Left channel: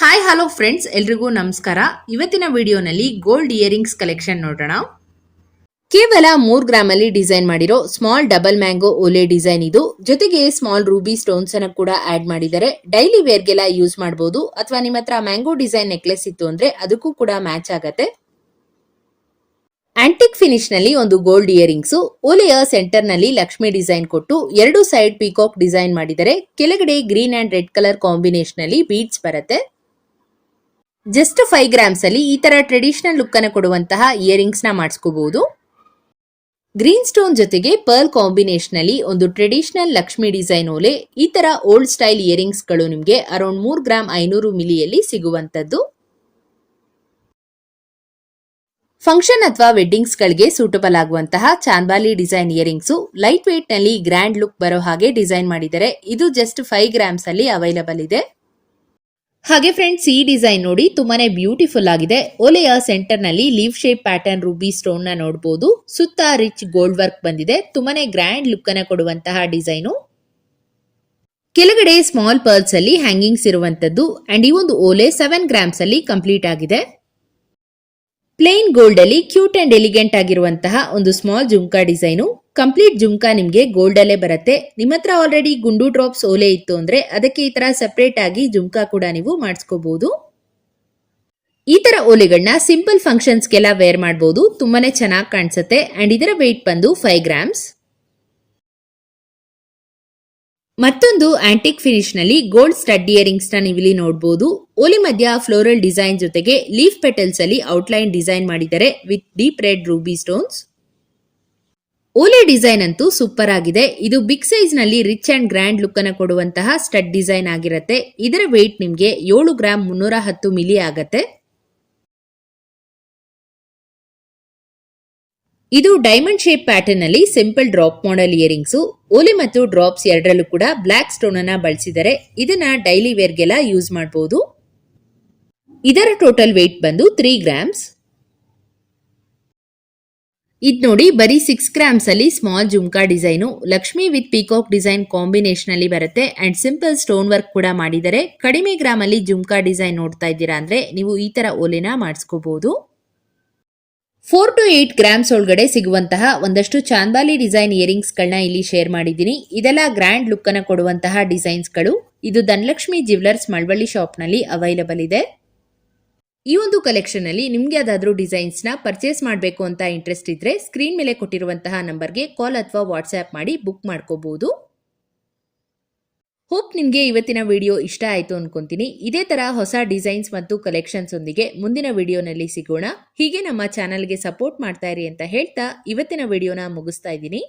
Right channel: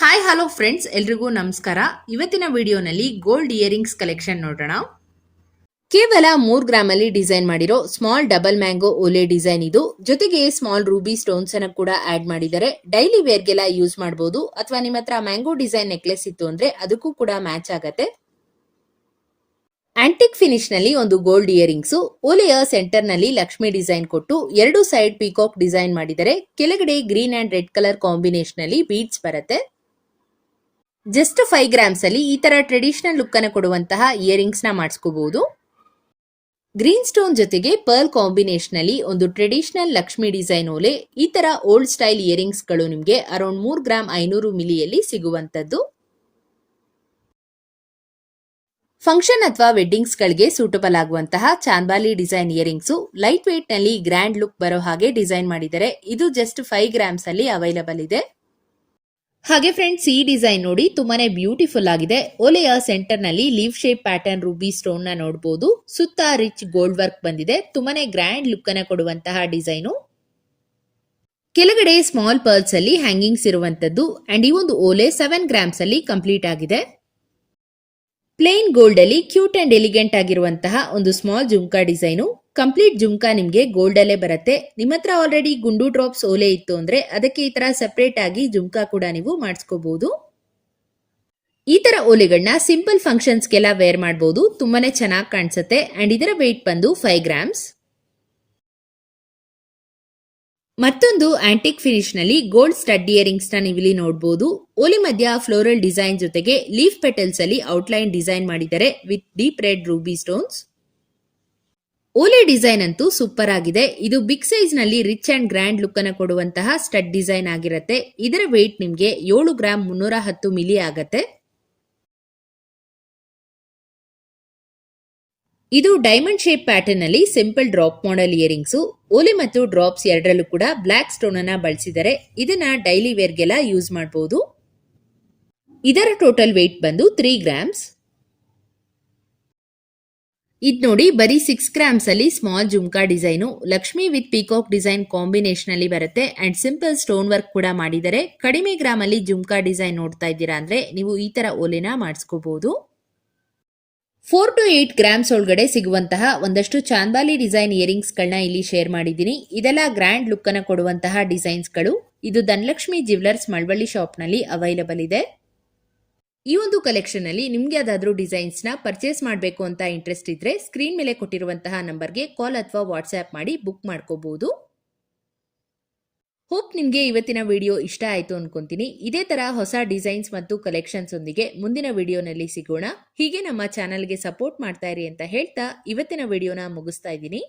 Hi hello friends ಎಲ್ರಿಗೂ ನಮಸ್ಕಾರ. ಇವತ್ತಿನ ವಿಡಿಯೋನಲ್ಲಿ ಗೋಲ್ಡ್ ಇಯರಿಂಗ್ಸ್ ಕಲೆಕ್ಷನ್ ನೋಡೋಣ. ಕೇವಲ ಮೂರ್ ಗ್ರಾಮ್ ಅಲ್ಲಿ ಡಿಸೈನ್ ಮಾಡಿರೋ ಸ್ಮಾಲ್ ಡಬಲ್ ಮ್ಯಾಂಗೋ ಓಲೆ ಡಿಸೈನ್ ಇದು. ಜೊತೆಗೆ ಸ್ಮಾಲ್ ರೂಬಿ ಸ್ಟೋನ್ಸ್ ಅನ್ನ ಕೂಡ ಆಡ್ ಮಾಡಿದ್ದಾರೆ ಡೈಲಿ ವೇರ್ಗೆಲ್ಲ ಯೂಸ್ ಮಾಡಬಹುದು ಅಥವಾ ನಿಮ್ಮ ಹತ್ರ ಮ್ಯಾಂಗೋ ಡಿಸೈನ್ ನೆಕ್ಲೆಸ್ ಇತ್ತು ಅಂದ್ರೆ ಅದಕ್ಕೂ ಕೂಡ ಮ್ಯಾಚ್ ಆಗತ್ತೆ. ಆಂಟಿಕ್ ಫಿನಿಶ್ನಲ್ಲಿ ಒಂದು ಗೋಲ್ಡ್ ಇಯರಿಂಗ್ಸ್ ಓಲೆಯ ಸೆಂಟರ್ನಲ್ಲಿ ಲಕ್ಷ್ಮಿ ಡಿಸೈನ್ ಕೊಟ್ಟು ಎರಡು ಸೈಡ್ ಪೀಕಾಕ್ ಡಿಸೈನ್ ಮಾಡಿದರೆ, ಕೆಳಗಡೆ green and red colour combination ಅಲ್ಲಿ ಬೀಡ್ಸ್ ಬರುತ್ತೆ. ಜಸ್ಟ್ ಫೈವ್ ಗ್ರಾಮ್ಸ್ ಅಲ್ಲಿ ಈ ತರ ಟ್ರೆಡಿಷನಲ್ ಲುಕ್ ಅನ್ನು ಕೊಡುವಂತಹ ಇಯರಿಂಗ್ಸ್ನ ಮಾಡಿಸ್ಕೋಬಹುದು ಗ್ರೀನ್ ಸ್ಟೋನ್ ಜೊತೆಗೆ ಪರ್ಲ್ ಕಾಂಬಿನೇಷನ್ ಅಲ್ಲಿ ಒಂದು ಟ್ರೆಡಿಷನಲ್ ಲಕ್ಷ್ಮಿ ಡಿಸೈನ್ ಓಲೆ ಈ ತರ ಓಲ್ಡ್ ಸ್ಟೈಲ್ ಇಯರಿಂಗ್ಸ್ಗಳು ನಿಮಗೆ ಅರೌಂಡ್ ಮೂರ್ ಗ್ರಾಮ್ ಐನೂರು ಮಿಲಿಯಲ್ಲಿ ಸಿಗುವಂತದ್ದು ಫಂಕ್ಷನ್ ಅಥವಾ ವೆಡ್ಡಿಂಗ್ಸ್ ಗಳಿಗೆ ಸೂಟಬಲ್ ಆಗುವಂತಹ ಚಾಂಬಾಲಿ ಡಿಸೈನ್ ಇಯರಿಂಗ್ಸ್ ಲೈಟ್ ವೇಟ್ನಲ್ಲಿ ಗ್ರ್ಯಾಂಡ್ ಲುಕ್ ಬರೋ ಹಾಗೆ ಡಿಸೈನ್ ಮಾಡಿದರೆ ಇದು ಜಸ್ಟ್ ಫೈವ್ ಗ್ರಾಮ್ಸ್ ಅಲ್ಲಿ ಅವೈಲಬಲ್ ಇದೆ. ಹಾಗೆ ಫ್ರೆಂಡ್ಸ್ ಈ ಡಿಸೈನ್ ನೋಡಿ ತುಂಬಾನೇ ಬ್ಯೂಟಿಫುಲ್ ಆಗಿದೆ. ಒಲೆಯ ಸೆಂಟರ್ನಲ್ಲಿ ಲೀವ್ ಶೇಪ್ ಪ್ಯಾಟರ್ನ್ ರೂಬಿ ಸ್ಟೋನ್ನ ನೋಡಬಹುದು ಸುತ್ತ ರಿಚ್ ಗೋಲ್ಡ್ ವರ್ಕ್ ಬಂದಿದೆ. ತುಂಬಾನೇ ಗ್ರ್ಯಾಂಡ್ ಲುಕ್ ಅನ್ನ ಕೊಡುವಂತಹ ಡಿಸೈನು ಕೆಳಗಡೆ ಸ್ಮಾಲ್ ಪರ್ಲ್ಸ್ ಅಲ್ಲಿ ಹ್ಯಾಂಗಿಂಗ್ಸ್ ಇರುವಂತದ್ದು ಅಂಡ್ ಈ ಒಂದು ಓಲೆ ಸೆವೆನ್ ಗ್ರಾಮ್ಸ್ ಅಲ್ಲಿ ಕಂಪ್ಲೀಟ್ ಆಗಿದೆ. ಪ್ಲೇನ್ ಗೋಲ್ಡ್ ಅಲ್ಲಿ ಕ್ಯೂಟ್ ಅಂಡ್ ಎಲಿಗೆಂಟ್ ಆಗಿರುವಂತಹ ಒಂದು small jhumka design complete jhumka ನಿಮಗೆ ಗೋಲ್ಡಲ್ಲೇ ಬರುತ್ತೆ. ನಿಮ್ಮ ಹತ್ರ ಆಲ್ರೆಡಿ ಗುಂಡು ಡ್ರಾಪ್ಸ್ ಓಲೆ ಇತ್ತು ಅಂದ್ರೆ ಅದಕ್ಕೆ ಈ ತರ ಸಪ್ರೇಟ್ ಆಗಿ ಜುಮ್ಕಾ ಕೂಡ ನೀವು ಮಾಡಿಸ್ಕೋಬಹುದು ಈ ತರ ಓಲೆಗಳನ್ನ ಸಿಂಪಲ್ ಫಂಕ್ಷನ್ಸ್ಗೆಲ್ಲ ವೇರ್ ಮಾಡಬಹುದು ತುಂಬಾನೇ ಚೆನ್ನಾಗಿ ಕಾಣಿಸುತ್ತೆ. ಅಂಡ್ ಇದರ ವೆಯ್ಟ್ ಬಂದು ಫೈವ್ ಗ್ರಾಮ್ಸ್ ಮತ್ತೊಂದು ಆಂಟಿಕ್ ಫಿನಿಶ್ನಲ್ಲಿ ಗೋಲ್ಡ್ ಸ್ಟಡ್ ಇಯರಿಂಗ್ಸ್ನ ನೀವಿಲ್ಲಿ ನೋಡಬಹುದು ಓಲಿ ಮಧ್ಯ ಫ್ಲೋರಲ್ ಡಿಸೈನ್ ಜೊತೆಗೆ ಲೀಫ್ ಪೆಟಲ್ಸ್ ಅಲ್ಲಿ ಔಟ್ಲೈನ್ ಡಿಸೈನ್ ಮಾಡಿದ್ದಾರೆ with deep red ruby stones ಓಲೆ ಡಿಸೈನ್ ಅಂತೂ ಸೂಪರ್ ಆಗಿದೆ. ಇದು ಬಿಗ್ ಸೈಜ್ನಲ್ಲಿ ರಿಚ್ ಅಂಡ್ ಗ್ರ್ಯಾಂಡ್ ಲುಕ್ ಅನ್ನು ಕೊಡುವಂತಹ ಸ್ಟಡ್ ಡಿಸೈನ್ ಆಗಿರುತ್ತೆ. ಇದರ ವೆಯ್ಟ್ ನಿಮಗೆ ಏಳು ಗ್ರಾಮ್ ಮುನ್ನೂರ ಹತ್ತು ಮಿಲಿ ಆಗತ್ತೆ. ಇದು ಡೈಮಂಡ್ ಶೇಪ್ ಪ್ಯಾಟರ್ನ್ ಅಲ್ಲಿ ಸಿಂಪಲ್ ಡ್ರಾಪ್ ಮಾಡಲ್ ಇಯರಿಂಗ್ಸ್ ಓಲೆ ಮತ್ತು ಡ್ರಾಪ್ಸ್ ಎರಡರಲ್ಲೂ ಕೂಡ ಬ್ಲಾಕ್ ಸ್ಟೋನ್ ಅನ್ನ ಬಳಸಿದರೆ ಇದನ್ನ ಡೈಲಿ ವೇರ್ಗೆಲ್ಲ ಯೂಸ್ ಮಾಡಬಹುದು ಇದರ ಟೋಟಲ್ ವೇಟ್ ಬಂದು ತ್ರೀ ಗ್ರಾಮ್ಸ್ ಇದ್ ನೋಡಿ ಬರೀ ಸಿಕ್ಸ್ ಗ್ರಾಮ್ಸ್ ಅಲ್ಲಿ small jhumka design Lakshmi with peacock design combination ಅಲ್ಲಿ ಬರುತ್ತೆ. ಅಂಡ್ ಸಿಂಪಲ್ ಸ್ಟೋನ್ ವರ್ಕ್ ಕೂಡ ಮಾಡಿದರೆ ಕಡಿಮೆ ಗ್ರಾಮ್ ಅಲ್ಲಿ ಜುಮ್ಕಾ ಡಿಸೈನ್ ನೋಡ್ತಾ ಇದ್ದೀರಾ ಅಂದ್ರೆ ನೀವು ಈ ತರ ಓಲೆನ ಮಾಡಿಸ್ಕೋಬಹುದು ಫೋರ್ ಟು ಏಟ್ ಗ್ರಾಮ್ಸ್ ಒಳಗಡೆ ಸಿಗುವಂತಹ ಒಂದಷ್ಟು ಚಾಂದಾಲಿ ಡಿಸೈನ್ ಇಯರಿಂಗ್ಸ್ ಗಳನ್ನ ಇಲ್ಲಿ ಶೇರ್ ಮಾಡಿದ್ದೀನಿ. ಇದೆಲ್ಲ ಗ್ರ್ಯಾಂಡ್ ಲುಕ್ ಅನ್ನ ಕೊಡುವಂತಹ ಡಿಸೈನ್ಸ್ಗಳು. ಇದು ಧನಲಕ್ಷ್ಮಿ ಜ್ಯುವೆಲರ್ಸ್ ಮಳವಳ್ಳಿ ಶಾಪ್ನಲ್ಲಿ ಅವೈಲಬಲ್ ಇದೆ. ಈ ಒಂದು ಕಲೆಕ್ಷನ್ ಅಲ್ಲಿ ನಿಮ್ಗೆ ಡಿಸೈನ್ಸ್ನ ಡಿಸೈನ್ಸ್ನ ಪರ್ಚೇಸ್ ಮಾಡಬೇಕು ಅಂತ ಇಂಟ್ರೆಸ್ಟ್ ಇದ್ರೆ ಸ್ಕ್ರೀನ್ ಮೇಲೆ ಕೊಟ್ಟಿರುವಂತಹ ನಂಬರ್ಗೆ ಕಾಲ್ ಅಥವಾ ವಾಟ್ಸ್ಆ್ಯಪ್ ಮಾಡಿ ಬುಕ್ ಮಾಡ್ಕೋಬಹುದು ಹೋಪ್ ನಿಮಗೆ ಇವತ್ತಿನ ವಿಡಿಯೋ ಇಷ್ಟ ಆಯ್ತು ಅನ್ಕೊಂತೀನಿ. ಇದೇ ತರ ಹೊಸ ಡಿಸೈನ್ಸ್ ಮತ್ತು ಕಲೆಕ್ಷನ್ಸ್ ಒಂದಿಗೆ ಮುಂದಿನ ವಿಡಿಯೋನಲ್ಲಿ ಸಿಗೋಣ. ಹೀಗೆ ನಮ್ಮ ಚಾನಲ್ಗೆ ಸಪೋರ್ಟ್ ಮಾಡ್ತಾ ಇರಿ ಅಂತ ಹೇಳ್ತಾ ಇವತ್ತಿನ ವಿಡಿಯೋನ ಮುಗಿಸ್ತಾ ಇದ್ದೀನಿ.